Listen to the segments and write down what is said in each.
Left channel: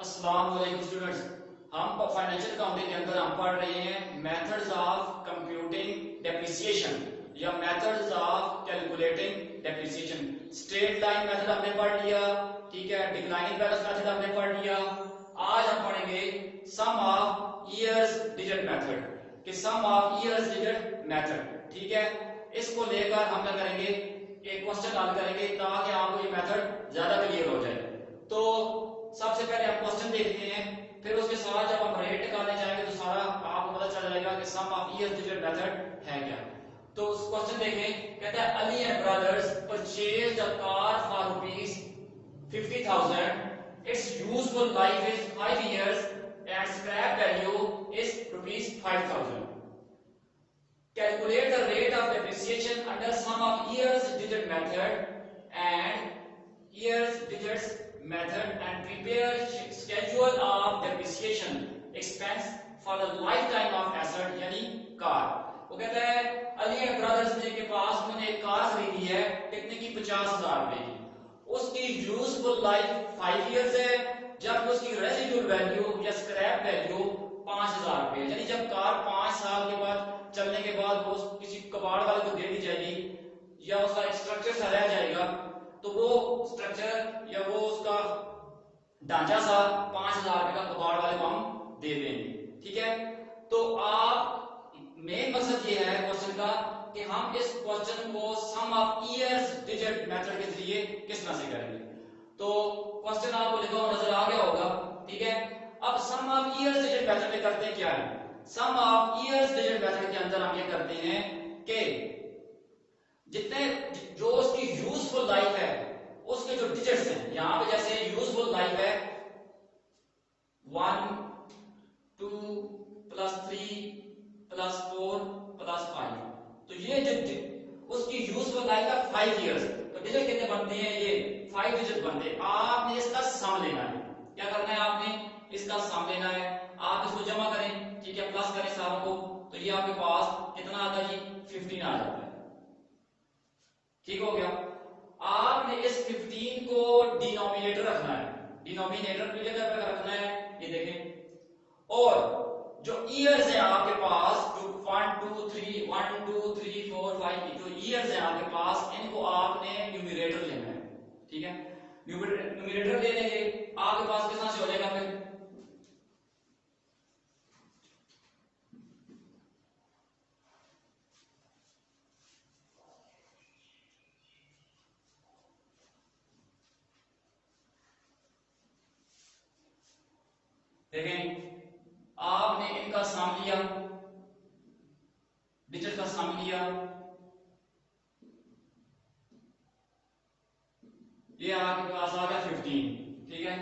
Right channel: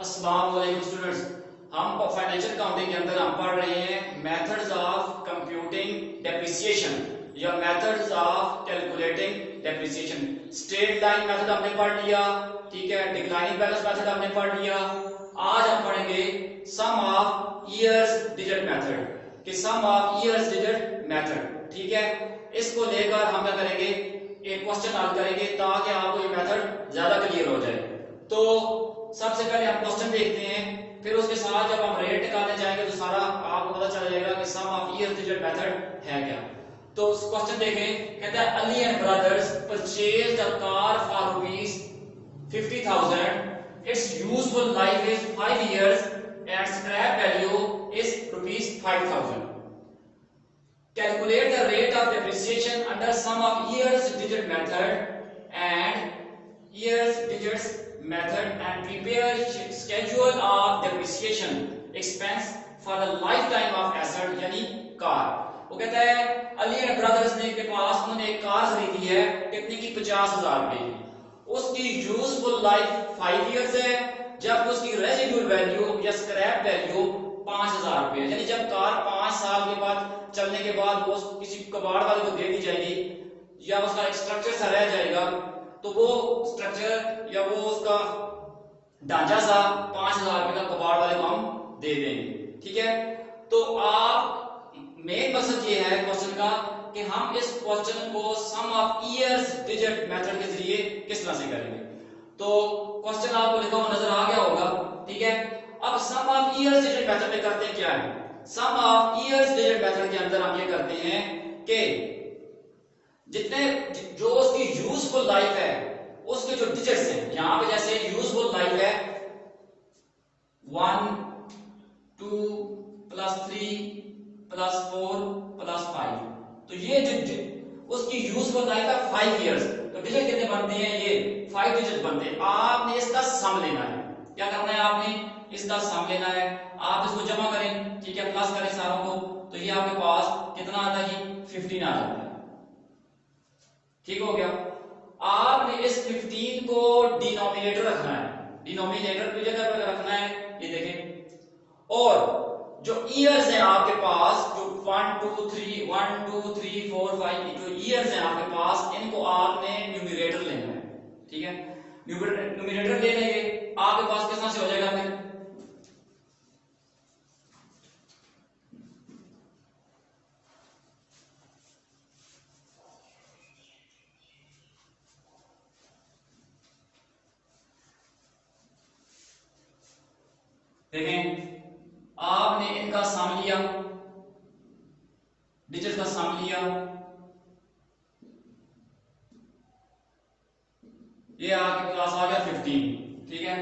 अस्सलाम वालेकुम स्टूडेंट्स। हम फाइनेंशियल अकाउंटिंग के अंदर हम पढ़ रहे हैं मेथड्स ऑफ कंप्यूटिंग डेप्रिसिएशन या methods of calculating depreciation. Straight line method हमने पढ़ लिया, ठीक है। डिक्लाइनिंग बैलेंस मेथड हमने पढ़ लिया। आज हम पढ़ेंगे सम ऑफ ईयर्स डिजिट मेथड कि सम ऑफ ईयर्स डिजिट मेथड, ठीक है। इसको लेकर हम क्या करेंगे, एक क्वेश्चन हल करेंगे ताकि आपको ये मेथड ज्यादा क्लियर हो जाए। तो सबसे पहले हम क्वेश्चन देखते हैं, फिर उसके साथ जब हम रेट निकालने जाएंगे तो सारा आपको पता चल जाएगा कि सम ऑफ ईयर्स डिजिट मेथड है क्या। तो उस क्वेश्चन देखें, कहता है Ali and brothers purchased a car for rupees 50,000, its useful life is 5 years and scrap value is rupees 5,000. Calculate the rate of depreciation under sum of years digit method and years digits method and prepare schedule of depreciation expense for the lifetime of asset यानी car. वो कहता है Ali and brothers ने के पास उन्होंने एक car खरीदी है कितने की, 50,000 रुपए की। उसकी यूजफुल लाइफ 5 इयर्स है, जब उसकी रेजिडुअल वैल्यू या स्क्रैप वैल्यू 5,000 रुपए है। यानी जब कार 5 साल के बाद चलने के बाद वो किसी कबाड़ वाले को दे दी जाएगी या उसका एक स्ट्रक्चर सा रह जाएगा, तो वो स्ट्रक्चर या वो उसका ढांचा सा 5,000 रुपए का कबाड़ वाले को हम दे देंगे, ठीक है। तो आप मेन मकसद ये है क्वेश्चन का कि हम इस क्वेश्चन को सम ऑफ ईयर्स डिजिट मेथड के जरिए किस तरह से करेंगे। तो क्वेश्चन आपको लिखा हुआ नजर आ गया होगा, ठीक है। अब सम ऑफ ईयर्स डिजिट मेथड में करते हैं क्या है, सम ऑफ ईयर्स डिजिट मेथड के अंदर हम ये करते हैं कि जितने जो उसकी यूजफुल लाइफ है उसके जो डिजिट्स हैं, यहां पे जैसे यूजफुल लाइफ है 1 2 + 3 + 4 + 5, तो ये जो उसकी यूजफुल लाइफ है 5 इयर्स, तो डिजिट कितने बनते हैं, ये 5 डिजिट बनते हैं। आपने इसका सम लेना है, क्या करना है, आपने इसका सम लेना है। आप इसको जमा करें, ठीक है, प्लस करें सारों को, तो ये आपके पास कितना आता है, 15 आ जाता है, ठीक हो गया। आपने इस 15 को डिनोमिनेटर रखना है, डिनोमिनेटर की जगह पर रखना है, ये देखें। और जो इयर्स हैं आपके पास, जो 1 2 3 1 2 3 4 5 जो इयर्स हैं आपके पास, इनको आपने न्यूमरेटर लेना है, ठीक है। न्यूमरेटर ले लेंगे, आपके पास कितना से हो जाएगा, फिर देखें, आपने इनका सम लिया, डिजिट का सम लिया, ये आपके पास आ गया 15, ठीक है।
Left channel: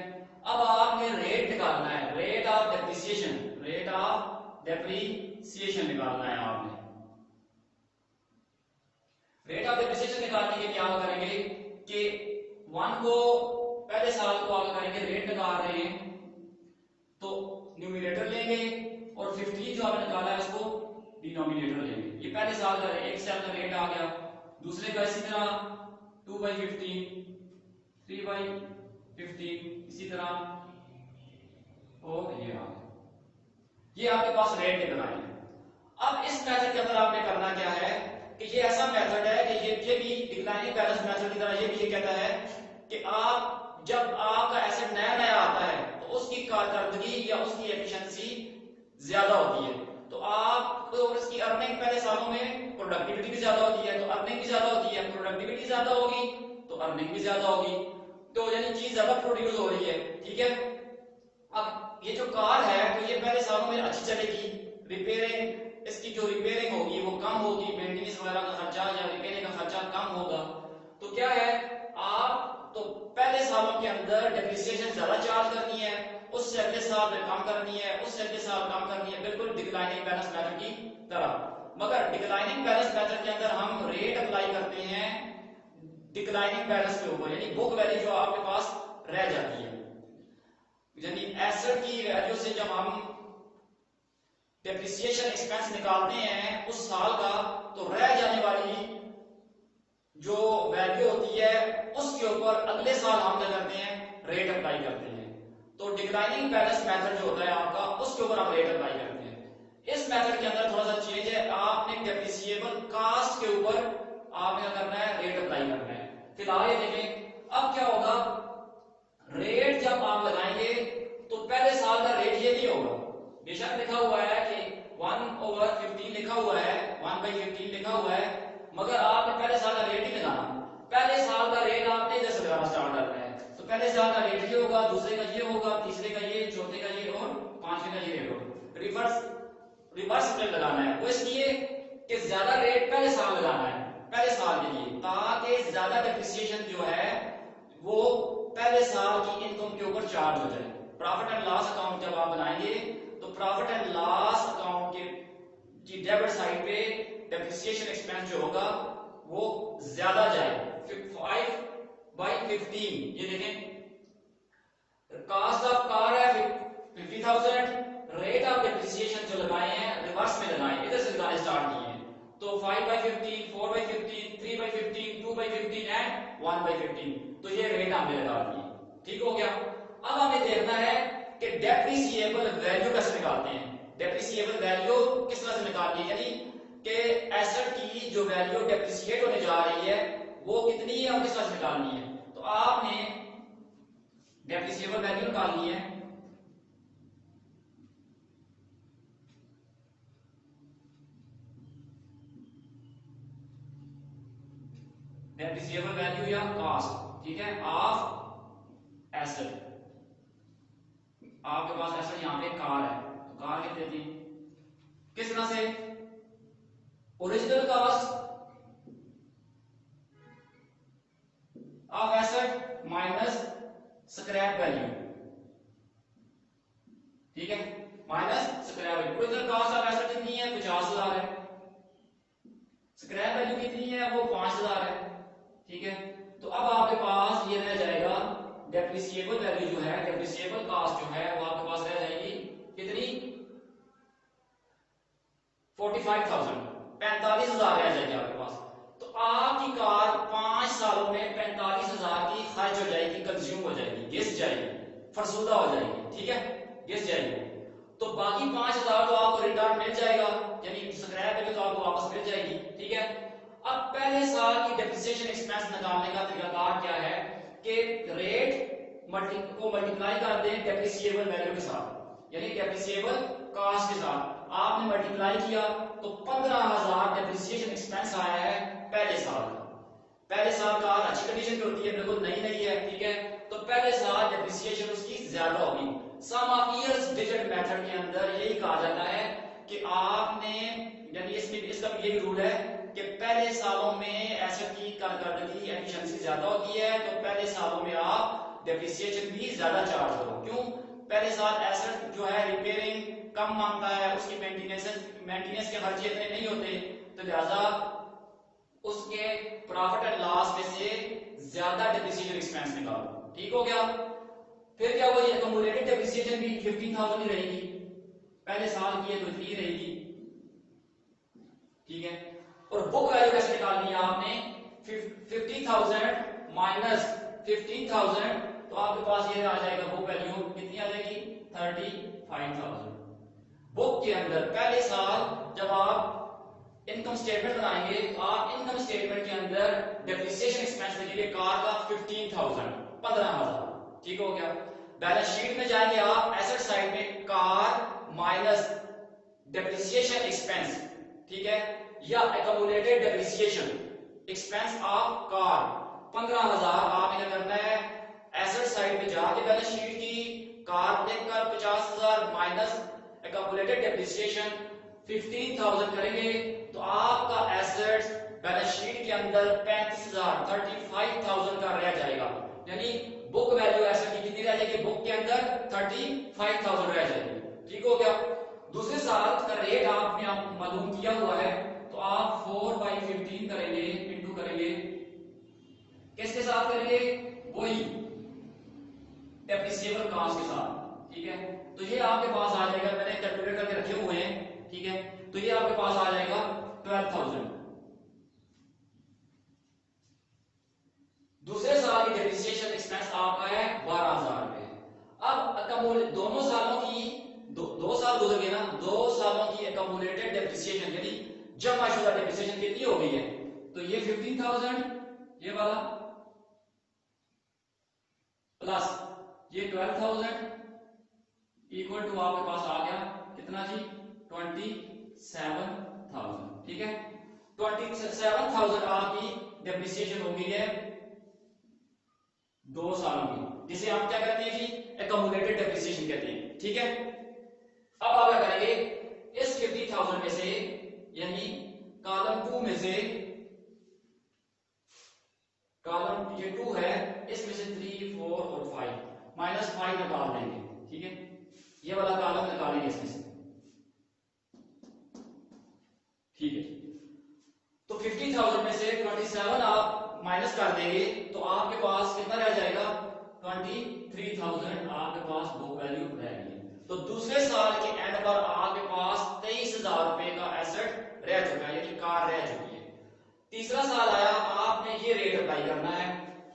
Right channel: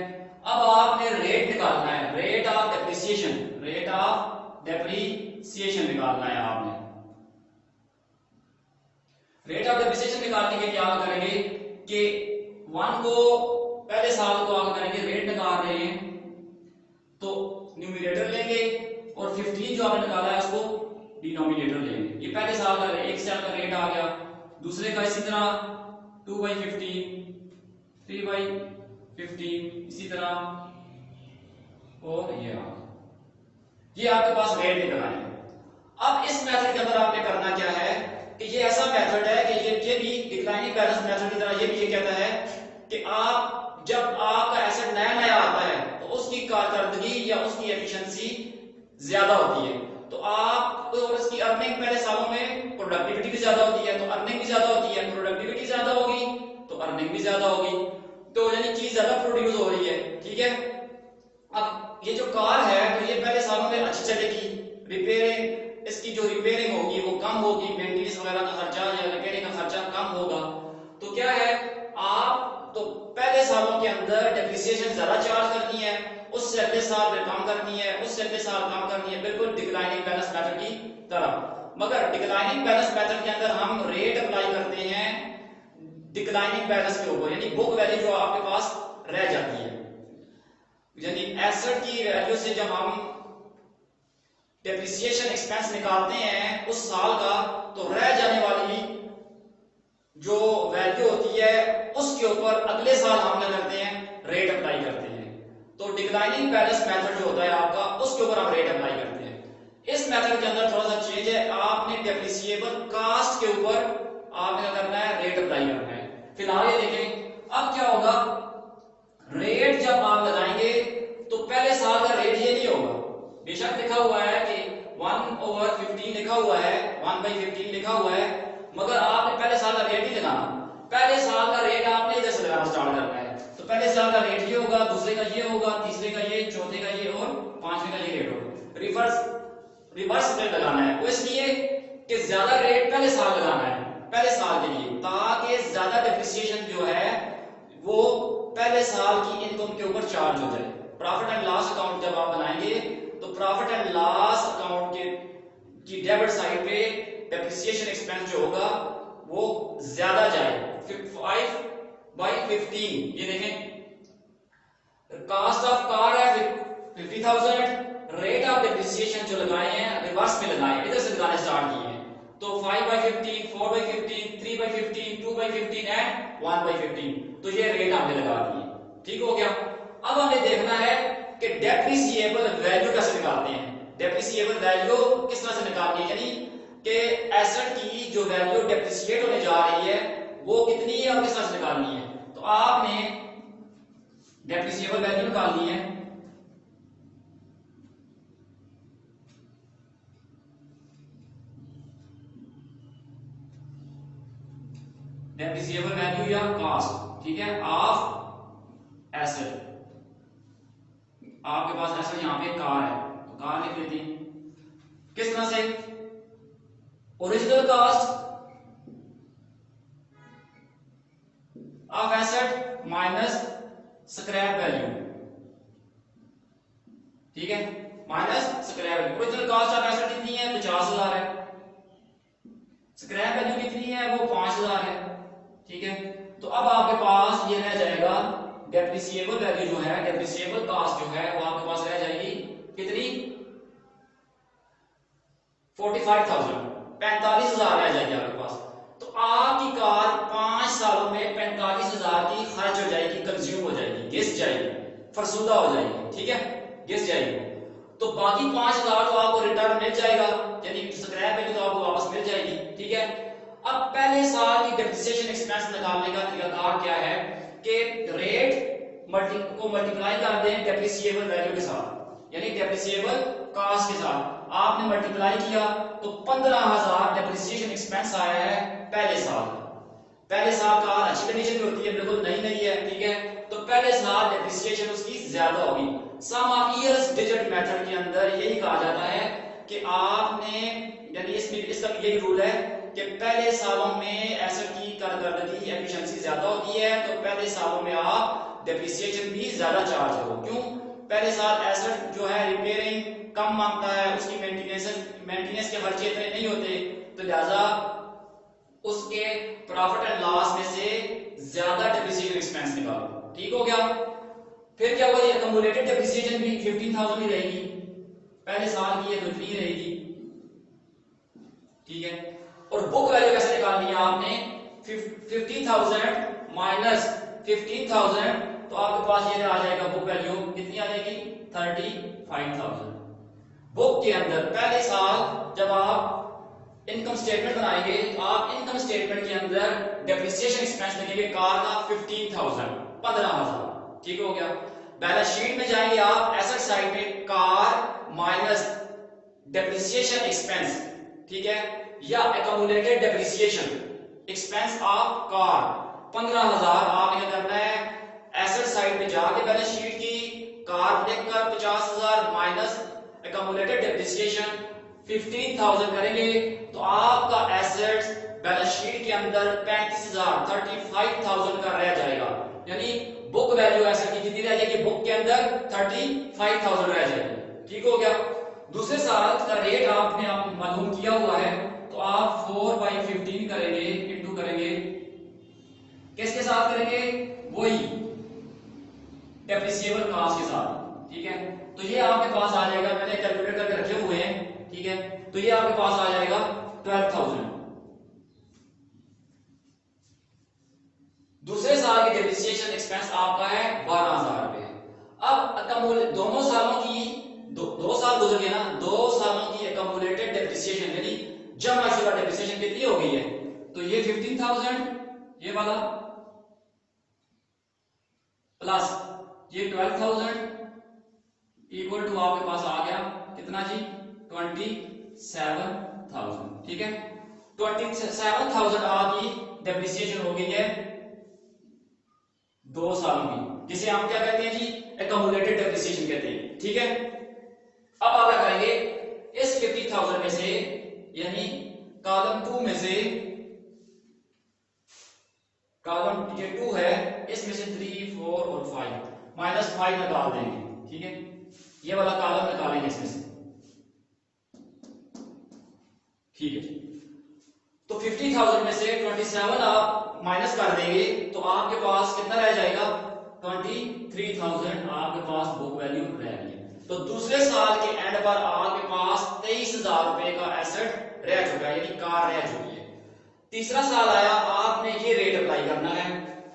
अब आपने रेट निकालना है, rate of depreciation, rate of depreciation निकालना है आपने। रेट ऑफ डेप्रिसिएशन निकालने के लिए आप करेंगे कि 1 को पहले साल को आप करेंगे, रेट निकाल रहे हैं तो न्यूमरेटर लेंगे और 15 जो आपने निकाला है उसको डिनोमिनेटर लेंगे। ये पहले साल का एक साल का रेट आ गया, दूसरे का इसी तरह 2/15 3/15 इसी तरह, और ये आ गया, ये आपके पास रेट निकल आए। अब इस मेथड के अंदर आपने करना क्या है कि ये ऐसा मेथड है कि ये भी डिक्लाइनिंग बैलेंस मेथड की तरह ये भी ये कहता है कि आप जब आपका एसेट नया नया आता है तो उसकी कारकर्दगी या उसकी एफिशिएंसी ज्यादा होती है, तो आप तो उसकी अर्निंग पहले सालों में प्रोडक्टिविटी भी ज्यादा होती है, तो अर्निंग भी ज्यादा होती है, प्रोडक्टिविटी ज्यादा होगी तो अर्निंग भी ज्यादा होगी, तो यानी चीज ज्यादा प्रोड्यूस हो रही है, ठीक है। अब ये जो कार है तो ये पहले सालों में अच्छी चलेगी, रिपेयरिंग इसकी जो रिपेयरिंग होगी वो कम होगी, मेंटेनेंस वगैरह का खर्चा या रिपेयरिंग का खर्चा कम होगा। तो क्या है, आप तो पहले सालों के अंदर डेप्रिसिएशन ज्यादा चार्ज करनी है, उससे अगले साल में कम करनी है, उससे अगले साल कम करनी है, बिल्कुल डिक्लाइनिंग बैलेंस मेथड की तरह। मगर डिक्लाइनिंग बैलेंस मेथड के अंदर हम रेट अप्लाई करते हैं डिक्लाइनिंग बैलेंस के ऊपर, यानी बुक वैल्यू जो आपके पास रह जाती है, यानी एसेट की वैल्यू से जब हम डेप्रिसिएशन एक्सपेंस निकालते हैं उस साल का, तो रह जाने वाली जो वैल्यू होती है उसके ऊपर अगले साल हम क्या करते हैं, रेट अप्लाई करते हैं। तो डिक्लाइनिंग बैलेंस मेथड जो होता है आपका, उसके ऊपर हम रेट अप्लाई करते हैं। इस मेथड के अंदर थोड़ा सा चेंज है, आपने डेप्रिसिएबल कास्ट के ऊपर आपने क्या करना है, रेट अप्लाई करना है। फिलहाल ये देखें अब क्या होगा, रेट जब आप लगाएंगे तो पहले साल का रेट ये नहीं होगा, बेशक लिखा हुआ है कि 1/15 लिखा हुआ है, 1/15 लिखा हुआ है, मगर आपने पहले साल का रेट नहीं लगाना। पहले साल का रेट आपने इधर से लगाना स्टार्ट करना है। तो पहले साल का रेट ये होगा, दूसरे का ये होगा, तीसरे का ये, चौथे का ये और पांचवे का ये रेट होगा। रिवर्स रेट लगाना है, वो इसलिए कि ज्यादा रेट पहले साल लगाना है, पहले साल के लिए, ताकि ज्यादा डेप्रिसिएशन जो है वो पहले साल की इनकम के ऊपर चार्ज हो जाए। प्रॉफिट एंड लॉस अकाउंट जब आप बनाएंगे तो प्रॉफिट एंड लॉस अकाउंट की डेबिट साइड पे डेप्रिसिएशन एक्सपेंस जो होगा वो ज्यादा जाए, 5/15। ये देखें, कॉस्ट ऑफ कार है 50,000, रेट ऑफ डेप्रिसिएशन जो लगाए हैं रिवर्स में लगाए, इधर से लगाने स्टार्ट किए हैं। तो 5/15, 4/15, 3/15, 2/15 एंड 1/15, तो ये रेट हमने लगा दिए। ठीक हो गया। अब हमें देखना है कि डेप्रिसिएबल वैल्यू कैसे निकालते हैं। डेप्रिसिएबल वैल्यू किस तरह से निकालते हैं, यानी कि एसेट की जो वैल्यू डेप्रिसिएट होने जा रही है वो कितनी है और किस तरह से निकालनी है। तो आपने डेप्रिसिएबल वैल्यू निकालनी है। डेप्रिसिएबल वैल्यू या कॉस्ट, ठीक है, ऑफ एसेट। आपके पास एसेट यहां पे कार है तो कार लिख देते हैं। किस तरह से, original cost of asset minus scrap value, ठीक है, minus scrap value. Original cost of asset कितनी है, 50,000 है, स्क्रैप वैल्यू कितनी है, वो 5,000 है, ठीक है। तो अब आपके पास ये रह जाएगा डेप्रिसिएबल वैल्यू जो है, डेप्रिसिएबल कॉस्ट जो है वो आपके पास रह जाएगी कितनी, 45,000, 45,000 रह जाएगी आपके पास। तो आपकी कार 5 सालों में 45,000 की खर्च हो जाएगी, कंज्यूम हो जाएगी, घिस जाएगी, फरसुदा हो जाएगी, ठीक है, घिस जाएगी। तो बाकी 5,000 तो आपको रिटर्न मिल जाएगा, यानी स्क्रैप वैल्यू तो आपको वापस मिल जाएगी, ठीक है। अब पहले साल की डेप्रिसिएशन एक्सपेंस निकालने का तरीकाकार क्या है कि रेट को मल्टीप्लाई कर दें डेप्रिसिएबल वैल्यू के साथ, यानी डेप्रिसिएबल कॉस्ट के साथ। आपने मल्टीप्लाई किया तो 15,000 डेप्रिसिएशन एक्सपेंस आया है पहले साल। पहले साल कार अच्छी कंडीशन में होती है, बिल्कुल नई नई है, ठीक है, तो पहले साल डेप्रिसिएशन उसकी ज्यादा होगी। सम ऑफ इयर्स डिजिट मेथड के अंदर यही कहा जाता है कि आपने, यानी इसमें इसका भी यही रूल है कि पहले सालों में एसेट की कारकर्दगी एफिशिएंसी ज्यादा होती है, तो पहले सालों में आप डेप्रिसिएशन भी ज्यादा चार्ज करो। क्यों, पहले साल एसेट जो है रिपेयरिंग कम मांगता है, उसकी मेंटेनेंस के खर्चे इतने नहीं होते, तो लिहाजा उसके प्रॉफिट एंड लॉस में से ज्यादा डेप्रिसिएशन एक्सपेंस निकालो। ठीक हो गया। फिर क्या होगा, अकम्युलेटेड डेप्रिसिएशन भी 15,000 ही रहेगी, पहले साल की है तो इतनी रहेगी, ठीक है। और बुक वैल्यू कैसे निकालनी है आपने, 50,000 माइनस 15,000, तो आपके पास ये आ जाएगा बुक वैल्यू कितनी आ जाएगी, 35,000। बुक के अंदर पहले साल जब आप इनकम स्टेटमेंट बनाएंगे तो आप इनकम स्टेटमेंट के अंदर डेप्रिसिएशन एक्सपेंस लिखेंगे कार का 15,000, 15,000, ठीक हो गया। बैलेंस शीट में जाएंगे आप, एसेट साइड पे कार माइनस डेप्रिसिएशन एक्सपेंस, ठीक है, या accumulated depreciation expense of car 15,000। आपने क्या करना है, एसेट साइड पे जाके बैलेंस शीट की कार लिखकर 50,000 माइनस एक्यूमुलेटेड डेप्रिसिएशन 15,000 करेंगे तो आपका एसेट्स बैलेंस शीट के अंदर 35,000 का रह जाएगा, यानी बुक वैल्यू एसेट की कितनी रह जाएगी, बुक के अंदर 35,000 रह जाएगी, ठीक हो गया। दूसरे साल का रेट आपने आप मालूम किया हुआ है, तो आप 4/15 करेंगे, इंटू करेंगे, किसके साथ करेंगे, वही डेप्रिसिएबल कॉस्ट के साथ, ठीक है। तो ये आपके पास आ जाएगा, मैंने कैलकुलेट करके रखे हुए हैं, ठीक है, तो ये आपके पास आ जाएगा 12,000। दूसरे साल की डेप्रिसिएशन एक्सपेंस आपका है 12,000 रुपए। अब 15,000 ये वाला प्लस ये 12,000 इक्वल टू आपके पास आ गया कितना जी 27,000। ठीक है, 27,000 आपकी डेप्रिसिएशन हो गई है 2 साल की, जिसे हम क्या कहते हैं जी एक्यूमुलेटेड डेप्रिसिएशन कहते हैं। ठीक है, अब आप क्या करेंगे इस 50,000 में से यानी कॉलम 2 में से कॉलम ये 2 है इसमें से 3 4 और 5 -5 निकाल देंगे। ठीक है, ये वाला कॉलम निकालेंगे इसमें से। ठीक है, तो 50,000 में से 27 आप माइनस कर देंगे तो आपके पास कितना रह जाएगा 23,000 आपके पास बुक वैल्यू रहेगी। तो दूसरे साल के एंड पर आपके पास 23,000 रुपए का एसेट रह चुका है यानी कार रह चुकी है। तीसरा साल आया, आपने ये रेट अप्लाई करना है,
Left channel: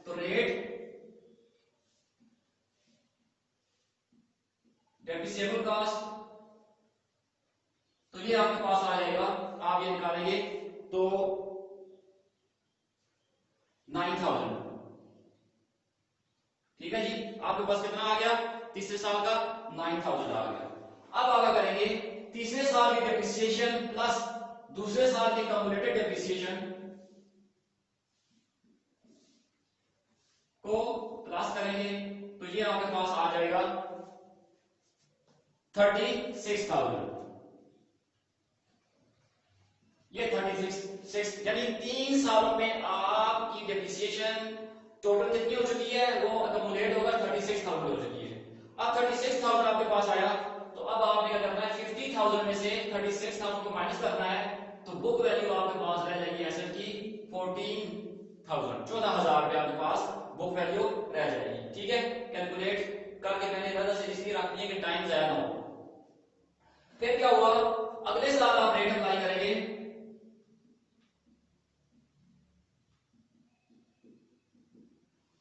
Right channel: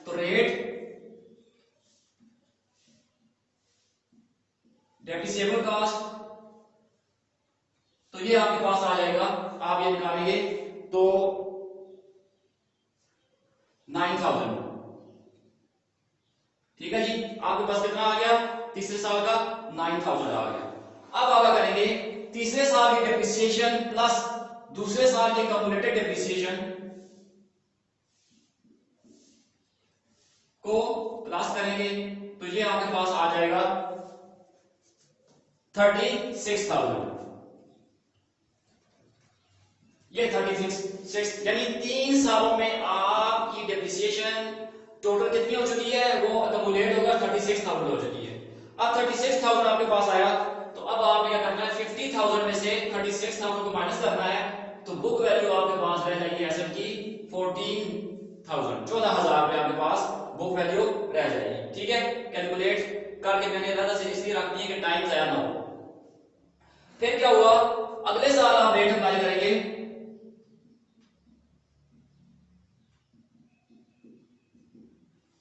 तो रेट डेप्रिसिएबल कॉस्ट, तो ये आपके पास आ जाएगा, आप ये निकालेंगे तो 9,000। ठीक है जी, आपके पास कितना आ गया तीसरे साल का 9,000 आ गया। अब आप क्या करेंगे तीसरे साल की डेप्रिसिएशन प्लस दूसरे साल की कम्युलेटेड डेप्रिसिएशन को प्लस करेंगे तो ये आपके पास आ जाएगा 36,000। ये 36 यानी 3 सालों में आपकी डेप्रिसिएशन टोटल कितनी हो चुकी है वो एक्यूमुलेट होगा 36,000 हो चुकी है। अब 36,000 आपके पास आया तो अब आपने क्या करना है 50,000 में से 36,000 को माइनस करना है, तो बुक वैल्यू आपके पास रह जाएगी एसेट की 14,000 रुपए आपके पास बुक वैल्यू रह जाएगी। ठीक है, कैलकुलेट करके मैंने इरादा से इसलिए रख दिया कि टाइम जाया ना हो। फिर क्या हुआ अगले साल आप रेट अप्लाई करेंगे,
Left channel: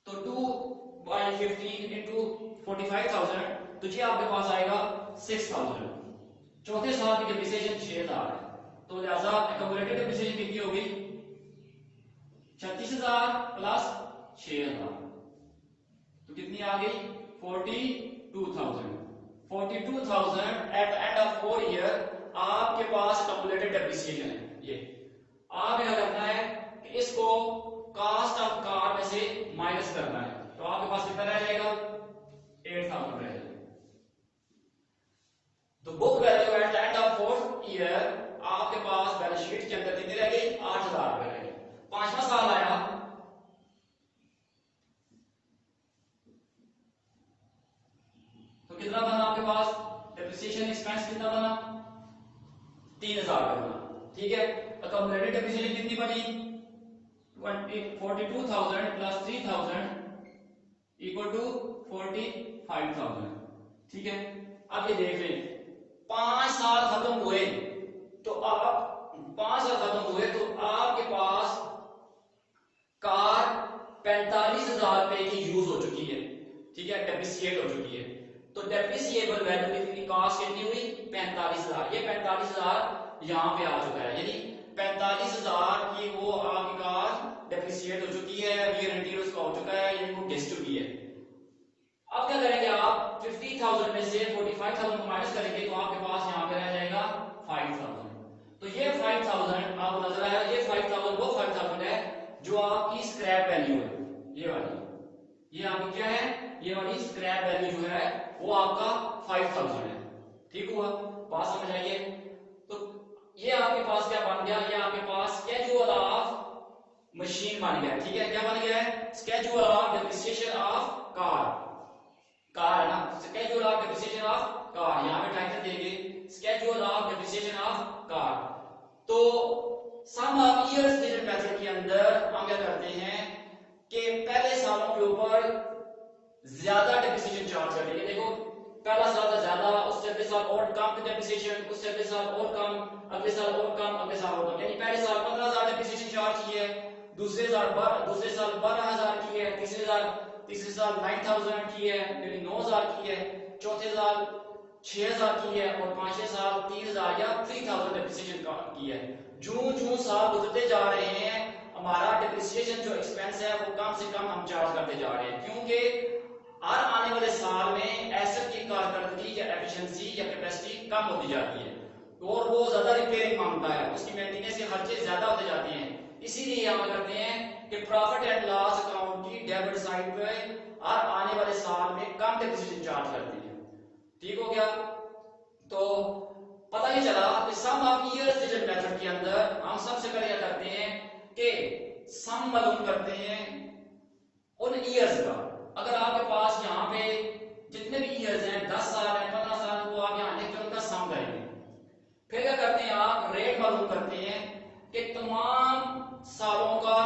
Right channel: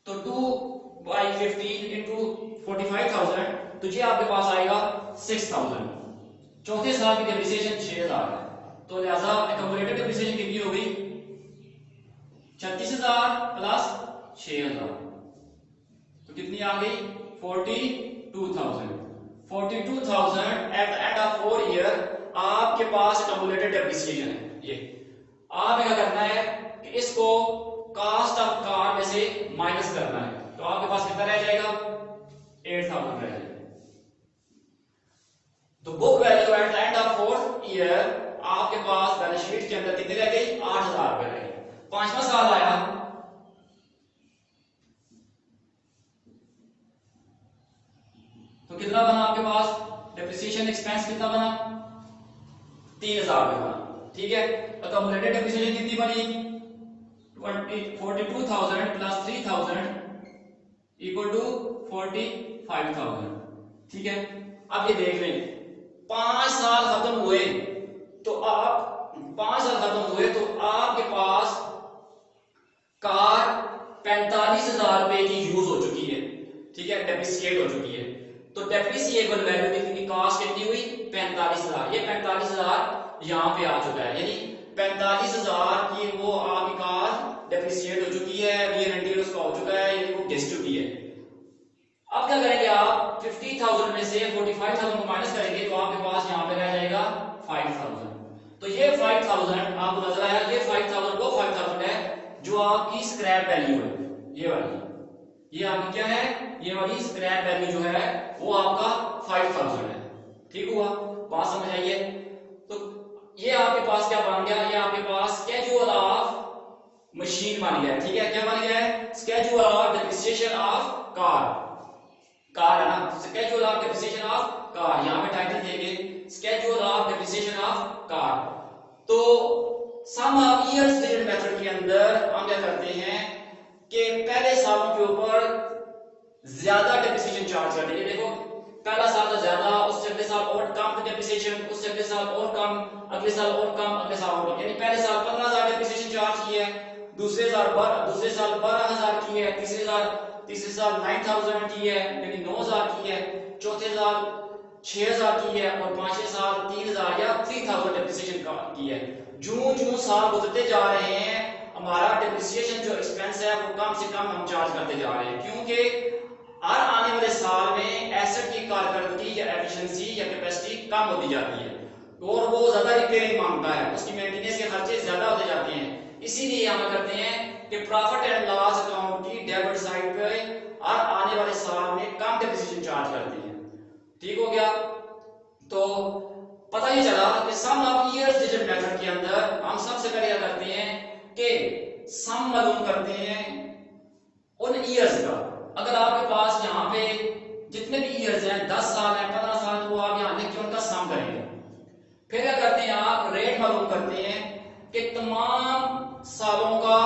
तो 2/15 इंटू 45,000 तो ये आपके पास आएगा 6,000। चौथे साल की डेप्रिसिएशन 6,000 है, तो लिहाजा एक्यूमुलेटेड डेप्रिसिएशन कितनी होगी 36,000 प्लस 6,000 तो कितनी आ गई 42,000। 42,000 at the end of 4 year आपके पास एक्यूमुलेटेड डेप्रिसिएशन है। ये आपने क्या करना है कि इसको कॉस्ट ऑफ कार में से माइनस करना है, तो आपके पास कितना रह जाएगा 8,000 रह जाएगा। तो book value at the end of 4th year आपके पास बैलेंस शीट के अंदर कितनी रह गई 8,000 रुपए रह गई। पांचवा साल आया तो कितना बना आपके पास डेप्रिसिएशन एक्सपेंस कितना बना 3,000 रुपए बना। ठीक है, एक्यूमुलेटेड डेप्रिसिएशन कितनी बनी 42,000 प्लस 3,000 इक्वल टू 45,000। ठीक है, अब ये देख लें 5 साल खत्म हुए तो आपके पास कार 45,000 रुपए की यूज हो चुकी है। ठीक है, डेप्रिसिएट हो चुकी है, तो डेप्रिसिएबल वैल्यू कितनी कॉस्ट कितनी हुई 45,000। ये 45,000 यहां पे आ चुका है यानी 45,000 की वो आपकी कार डेप्रिसिएट हो चुकी है, वियर एंड टियर उसका हो चुका है यानी वो घिस चुकी है। अब क्या करेंगे आप 50,000 में से 45,000 को माइनस करेंगे तो आपके पास यहां पे रह जाएगा 5,000। तो ये 5,000 आपको नजर आया, ये 5,000 वो 5,000 है जो आपकी स्क्रैप वैल्यू है। ये वाली ये आपकी क्या है ये वाली स्क्रैप वैल्यू जो है वो आपका 5,000 है। ठीक हुआ, बात समझ आइए। तो ये आपके पास क्या बन गया, ये आपके पास स्केड्यूल ऑफ मशीन बन गया। ठीक है, क्या बन गया है schedule of depreciation of car है ना, schedule of depreciation of car, यहां पे टाइटल देंगे schedule of depreciation of car. तो सम ऑफ ईयर्स डिजिट मेथड के अंदर हम क्या करते हैं कि पहले सालों के ऊपर ज्यादा डेप्रिसिएशन चार्ज करते हैं। देखो पहला साल था ज्यादा, उससे अगले साल और कम डेप्रिसिएशन, उससे अगले साल और कम, अगले साल और कम, अगले साल और कम, यानी पहले साल 15,000 डेप्रिसिएशन चार्ज की है, दूसरे साल 12,000 की है, तीसरे साल 9,000 की है यानी 9,000 की है, चौथे साल 6,000 की है और पांचवें साल 3,000 या 3,000 डेप्रिसिएशन की है। जूं जूं साल गुजरते जा रहे हैं हमारा डिप्रिसिएशन जो एक्सपेंस है वो कम से कम हम चार्ज करते जा रहे हैं, क्योंकि हर आने वाले साल में एसेट की कारकर्दगी या एफिशिएंसी या कैपेसिटी कम होती जाती है और वो ज्यादा रिपेयरिंग मांगता है, उसकी मेंटेनेंस के खर्चे ज्यादा होते जाते हैं। इसीलिए हम करते हैं कि प्रॉफिट एंड लॉस अकाउंट की डेबिट साइड पे हर आने वाले साल में कम डिप्रिसिएशन चार्ज करते हैं। ठीक हो गया? तो पता ही चला कि सम ऑफ ईयर्स डिजिट मेथड के अंदर हम सबसे पहले क्या करते हैं कि सम मालूम करते हैं उन ईयर्स का। अगर आपके पास यहाँ पे जितने भी ईयर्स हैं 10 साल हैं 15 साल, तो आप यहाँ लिख के उनका सम करेंगे। फिर क्या करते हैं आप रेट मालूम करते हैं कि तमाम सालों का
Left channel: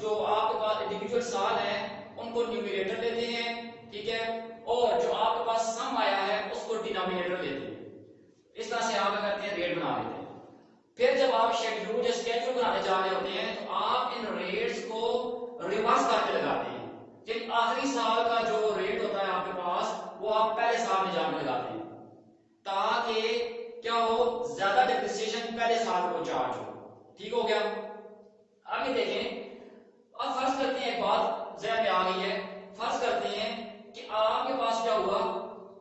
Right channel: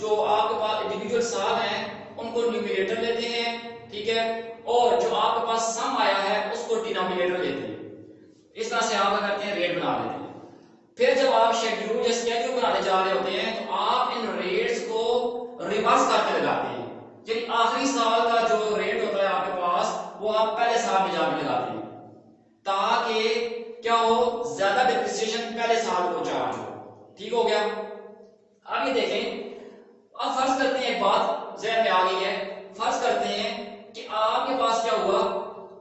जो आपके पास इंडिविजुअल साल हैं उनको न्यूमरेटर लेते हैं, ठीक है, और जो आपके पास सम आया है उसको डिनोमिनेटर लेते हैं। इस तरह से आप क्या करते हैं रेट बना लेते हैं। फिर जब आप शेड्यूल या स्केड्यूल बनाने जा रहे होते हैं तो आप इन रेट्स को रिवर्स करके लगाते हैं, यानी आखिरी साल का जो रेट होता है आपके पास वो आप पहले साल में जाके लगाते हैं, ताकि क्या हो, ज्यादा डिप्रिसिएशन पहले साल को चार्ज हो। ठीक हो गया? आगे देखें। अब फर्ज करते हैं, एक बात ज़हन में आ गई है, फर्ज करते हैं कि आपके पास क्या हुआ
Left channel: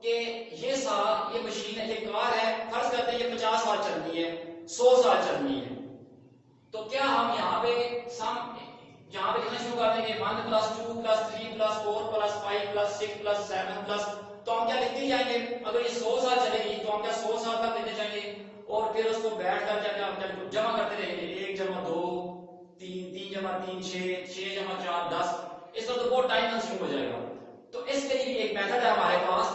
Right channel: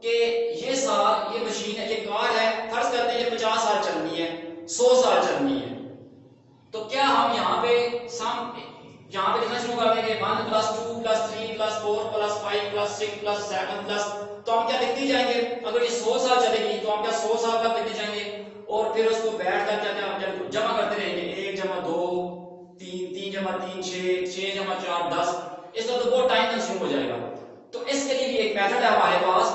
कि ये साल ये मशीन है, ये कार है, फर्ज करते हैं ये 50 साल चलनी है, 100 साल चलनी है, तो क्या हम यहाँ पे यहाँ पे लिखना शुरू कर देंगे 1 + 2 + 3 + 4 + 5 + 6 + 7 प्लस, तो हम क्या लिखते ही जाएंगे। अगर ये 100 साल चलेगी तो हम क्या 100 साल का लिखते जाएंगे और फिर उसको बैठ कर क्या हम जमा करते रहेंगे, 1 + 2 3 3 + 3 6 6 + 4 10। इस तरह तो बहुत टाइम कंज्यूम हो जाएगा। तो इसके लिए भी एक मेथड है हमारे पास,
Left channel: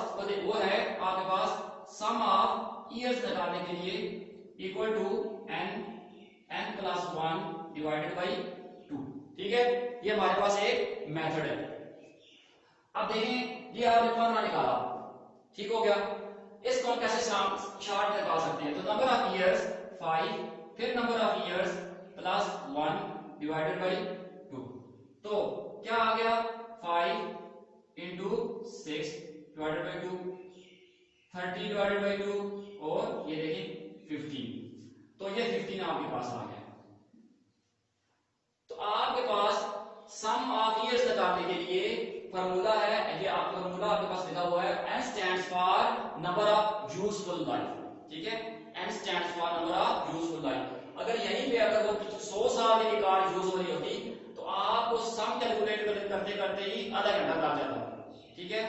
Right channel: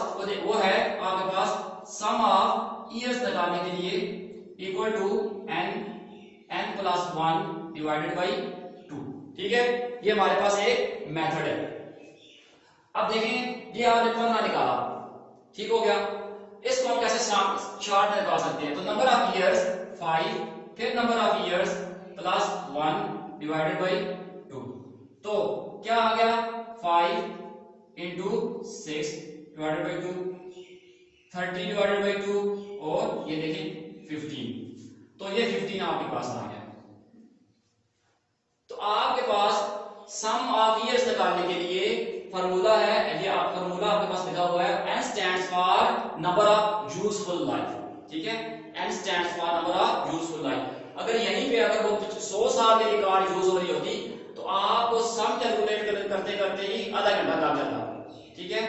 वो है आपके पास सम ऑफ ईयर्स निकालने के लिए equal to n + 1 divided by 2। ठीक है, ये हमारे पास एक मेथड है। अब देखें, ये आपने 15 निकाला, ठीक हो गया। इसको हम कैसे शार्ट में निकाल सकते हैं? तो नंबर ऑफ ईयर्स 5, फिर number of years plus 1 divided by 2। तो क्या आ गया 5 × 6 डिवाइडेड बाई 2, 30 डिवाइडेड बाई 2, और ये देखिए 15। तो ये 15 आपके पास आ गया। तो आपके पास सम ऑफ ईयर्स निकालने के लिए फार्मूला है, ये आप फार्मूला आपके पास लिखा हुआ है, n stands for number of useful life. ठीक है, n stands for number of useful life. अगर यहीं पे अगर वो 100 साल के लिए कार यूज हो रही होती तो आपको सम कैलकुलेट करते करते ही आधा घंटा लग जाता। ठीक है,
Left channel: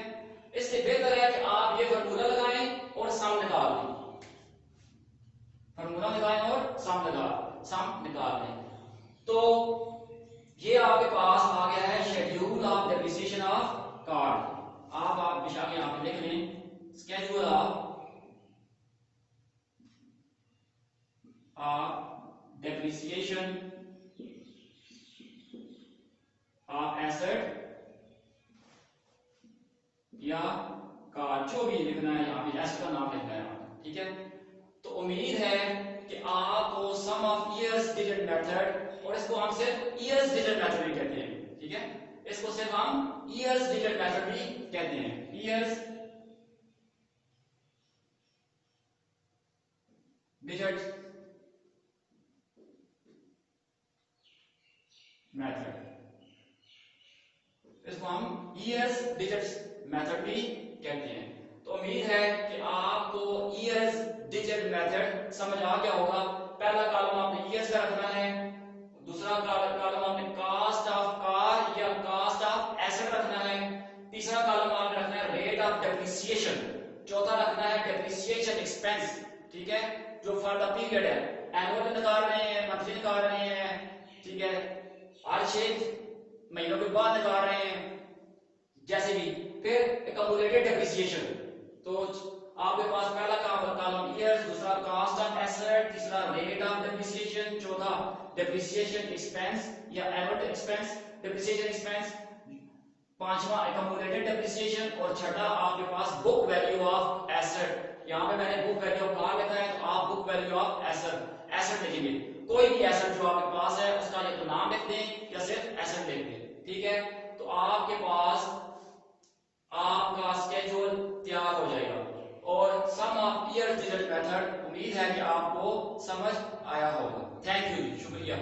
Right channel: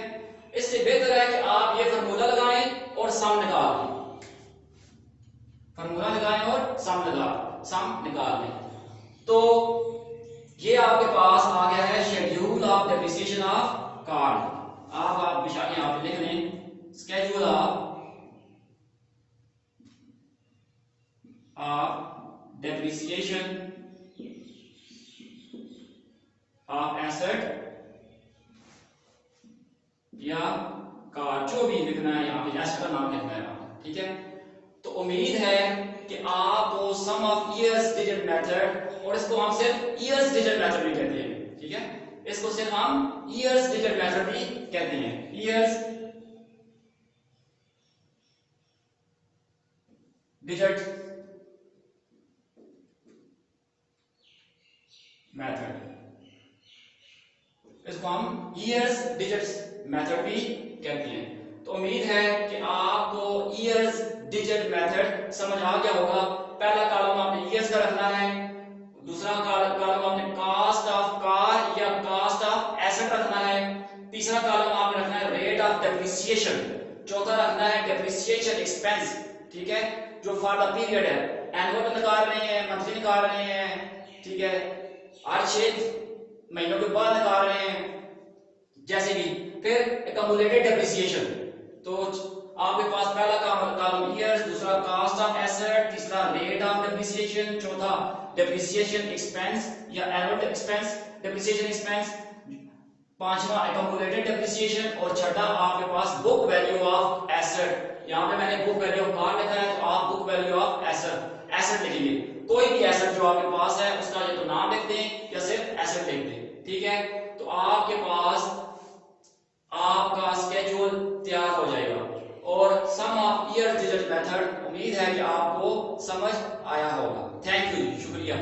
इससे बेहतर है कि आप ये फार्मूला लगाएं और सम निकाल लें, फार्मूला लगाएं और सम निकाल लें। तो ये आपके पास आ गया है schedule of depreciation of car. आप बेशक यहाँ पे लिख लें schedule of depreciation of asset या कार, जो भी लिखना है यहाँ पे एसेट का नाम लिखना है। ठीक है, तो उम्मीद है कि आपको सम ऑफ ईयर्स डिजिट मेथड, और इसको हम सिर्फ ईयर्स डिजिट मेथड भी कहते हैं। ठीक है, इसको सिर्फ हम ईयर्स डिजिट मेथड भी कहते हैं, ईयर्स डिजिट मेथड, इसको हम ईयर्स डिजिट मेथड भी कहते हैं। तो उम्मीद है कि आपको ईयर्स डिजिट मेथड समझ आ गया होगा। पहला कॉलम आपने ईयर्स का रखना है, दूसरा कॉलम आपने कॉस्ट ऑफ कार या कॉस्ट ऑफ एसेट रखना है, तीसरा कॉलम आपने रखना है रेट ऑफ डेप्रिसिएशन, चौथा रखना है डेप्रिसिएशन एक्सपेंस। ठीक है, जो फॉर द पीरियड है, एनुअल निकाल रहे हैं, मंथली निकाल रहे हैं, ठीक है, हर 6 महीनों के बाद निकाल रहे हैं, जैसे भी। फिर एक्यूमुलेटेड डेप्रिसिएशन, तो आपके पास पहला कॉलम ईयर्स, दूसरा कॉस्ट ऑफ एसेट, तीसरा रेट ऑफ डेप्रिसिएशन, चौथा डेप्रिसिएशन एक्सपेंस या एनुअल एक्सपेंस डेप्रिसिएशन एक्सपेंस, पांचवा एक्यूमुलेटेड डेप्रिसिएशन, और छठा आपके पास बुक वैल्यू ऑफ एसेट। यहाँ पे मैंने बुक वैल्यू ऑफ कार लिखा है, तो आप बुक वैल्यू ऑफ एसेट लिखेंगे। कोई भी एसेट जो आपके पास है उसका या तो नाम लिख दें या सिर्फ एसेट लिख दें। ठीक है, तो आपके पास आपका स्केड्यूल तैयार हो जाएगा और सम ऑफ ईयर डिजिट मेथड उम्मीद है कि आपको समझ आया होगा। थैंक यू, शुक्रिया।